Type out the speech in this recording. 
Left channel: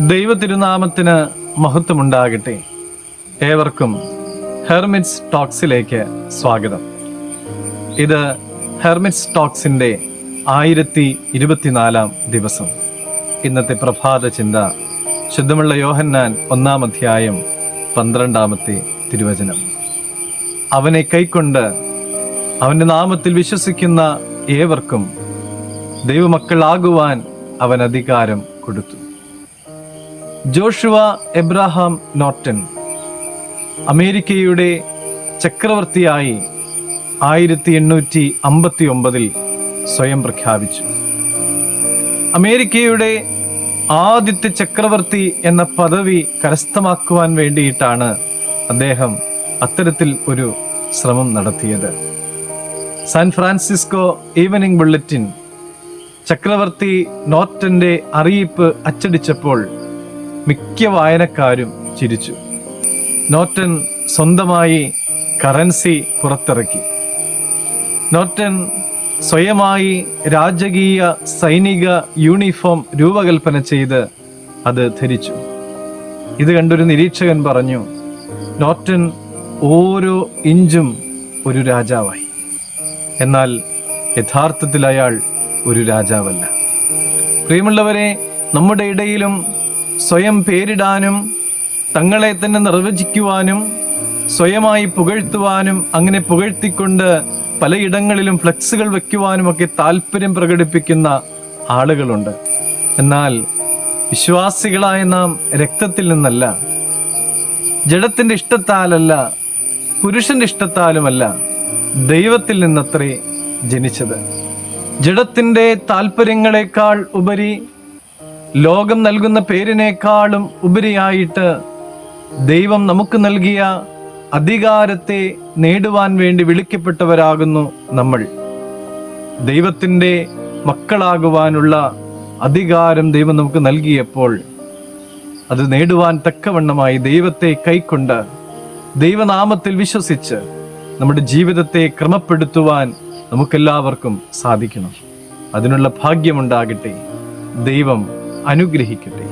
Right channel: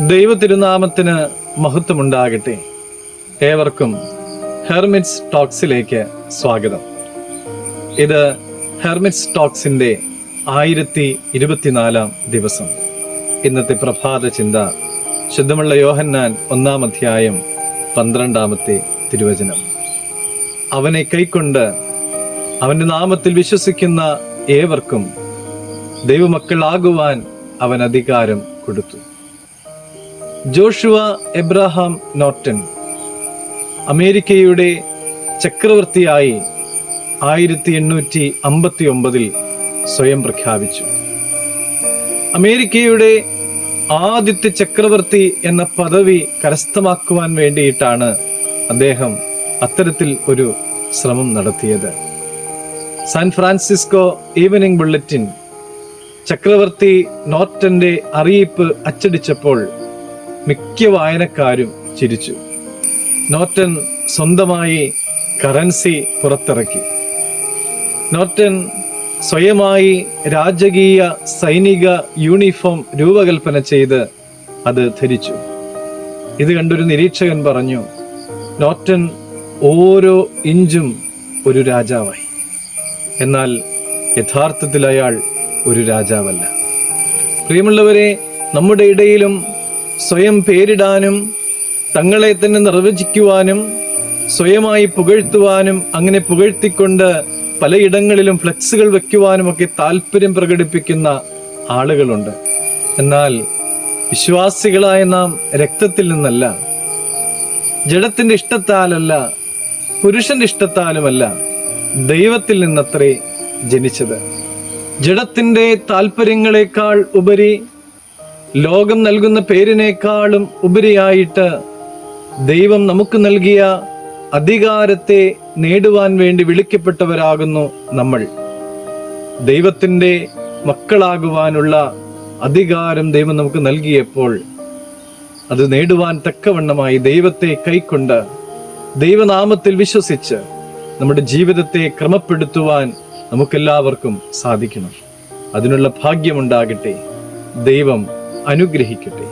ദൈവ തിരുനാമത്തിന് മഹത്വമുണ്ടാകട്ടെ. ഏവർക്കും ഹെർമിറ്റ്സ് ടോക്സിലേക്ക് സ്വാഗതം. ഇത് ഹെർമിറ്റ്സ് ടോക്സിന്റെ ആയിരത്തി ഇരുപത്തിനാലാം ദിവസം. ഇന്നത്തെ പ്രഭാത ചിന്ത ശുദ്ധമുള്ള യോഹന്നാൻ ഒന്നാം അധ്യായം പന്ത്രണ്ടാമത്തെ തിരുവചനം. അവനെ കൈക്കൊണ്ട് അവന്റെ നാമത്തിൽ വിശ്വസിക്കുന്ന ഏവർക്കും ദൈവമക്കളാകുവാൻ അവൻ അധികാരം കൊടുത്തു. ജോഷുവ എബ്രഹാം നോട്ടൻ അമേരിക്കയുടെ ചക്രവർത്തിയായി ആയിരത്തി എണ്ണൂറ്റി അമ്പത്തി ഒമ്പതിൽ സ്വയം പ്രഖ്യാപിച്ചു. അമേരിക്കയുടെ ആദ്യത്തെ ചക്രവർത്തി എന്ന പദവി കരസ്ഥമാക്കുവാൻ വേണ്ടിയിട്ടാണ് അദ്ദേഹം അത്തരത്തിൽ ഒരു ശ്രമം നടത്തിയത്. സാൻ ഫ്രാൻസിസ്കോ ഈവനിംഗ് ബുള്ളറ്റിൻ ചക്രവർത്തി നോർട്ടന്റെ അറിയിപ്പ് അച്ചടിച്ചപ്പോൾ മിക്ക വായനക്കാരും ചിരിച്ചു. നോർട്ടൻ സ്വന്തമായി കറൻസി പുറത്തിറക്കി. നോർട്ടൻ സ്വയമായി രാജകീയ സൈനിക യൂണിഫോം രൂപകൽപ്പന ചെയ്ത് അത് ധരിച്ചു. ഇത് കണ്ടൊരു നിരീക്ഷകൻ പറഞ്ഞു നോർട്ടൻ ഓരോ ഇഞ്ചും ഒരു രാജാവായി. എന്നാൽ യഥാർത്ഥത്തിൽ അയാൾ ഒരു രാജാവല്ല. പ്രിയമുള്ളവരെ നമ്മുടെ ഇടയിലും സ്വയം പേരിടാനും തങ്ങളെ തന്നെ നിർവചിക്കുവാനും സ്വയമായി പുകഴ്ത്തുവാനും അങ്ങനെ പുകഴ്ത്തിക്കൊണ്ട് പലയിടങ്ങളിലും ഫ്ലെക്സുകൾ വെക്കുവാനും ഒക്കെ താല്പര്യം പ്രകടിപ്പിക്കുന്ന ആളുകളുണ്ട്. എന്നാൽ വിശ്വാസികളായ നാം രക്തത്തിൽ നിന്നല്ല ജഡത്തിന്റെ ഇഷ്ടത്താലല്ല പുരുഷന്റെ ഇഷ്ടത്താലുമല്ല ദൈവത്തിൽ നിന്നത്രേ ജനിച്ചത്. ജഡത്തിന്റെ താല്പര്യങ്ങളെക്കാൾ ഉപരി ലോകം നൽകുന്ന പേരിനേക്കാളും ഉപരിയായിട്ട് ദൈവം നമുക്ക് നൽകിയ അധികാരത്തെ നേടുവാൻ വേണ്ടി വിളിക്കപ്പെട്ടവരാകുന്നു നമ്മൾ. ദൈവത്തിന്റെ മക്കളാകുവാനുള്ള അധികാരം ദൈവം നമുക്ക് നൽകിയപ്പോൾ അത് നേടുവാൻ തക്കവണ്ണമായി ദൈവത്തെ കൈക്കൊണ്ട് ദൈവനാമത്തിൽ വിശ്വസിച്ച് നമ്മുടെ ജീവിതത്തെ ക്രമപ്പെടുത്തുവാൻ നമുക്കെല്ലാവർക്കും സാധിക്കണം. അതിനുള്ള ഭാഗ്യമുണ്ടാകട്ടെ. ദൈവം അനുഗ്രഹിക്കട്ടെ.